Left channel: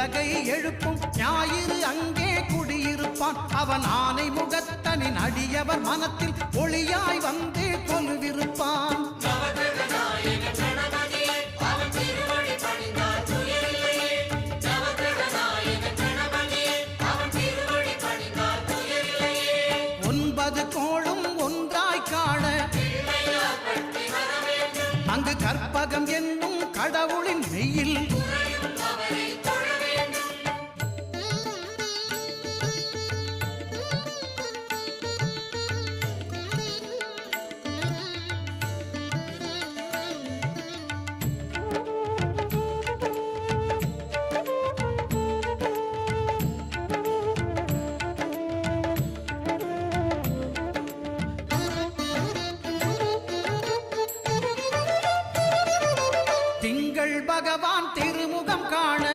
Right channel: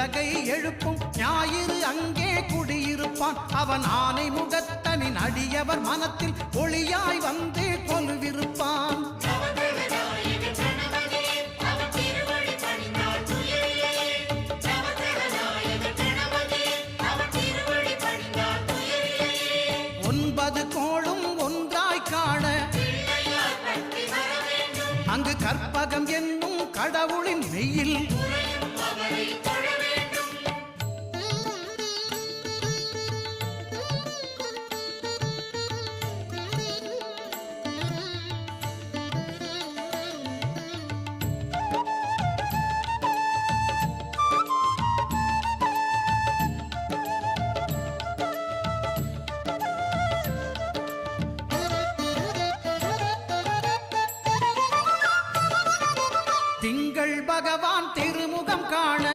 உலகை எழுப்பும் ஞாயிறு அங்கே குடியிருப்பான். அவன் ஆனை முகத்தனின் அடியவர் மனத்தில் ஒளியாய் வந்து கொலுவிருப்பான். ஒன்பது கோளும் ஒன்றாய் காண அங்கு கற்பகம் என்னும் கடவுளின் மெய்யில் திங்கள் பகவான்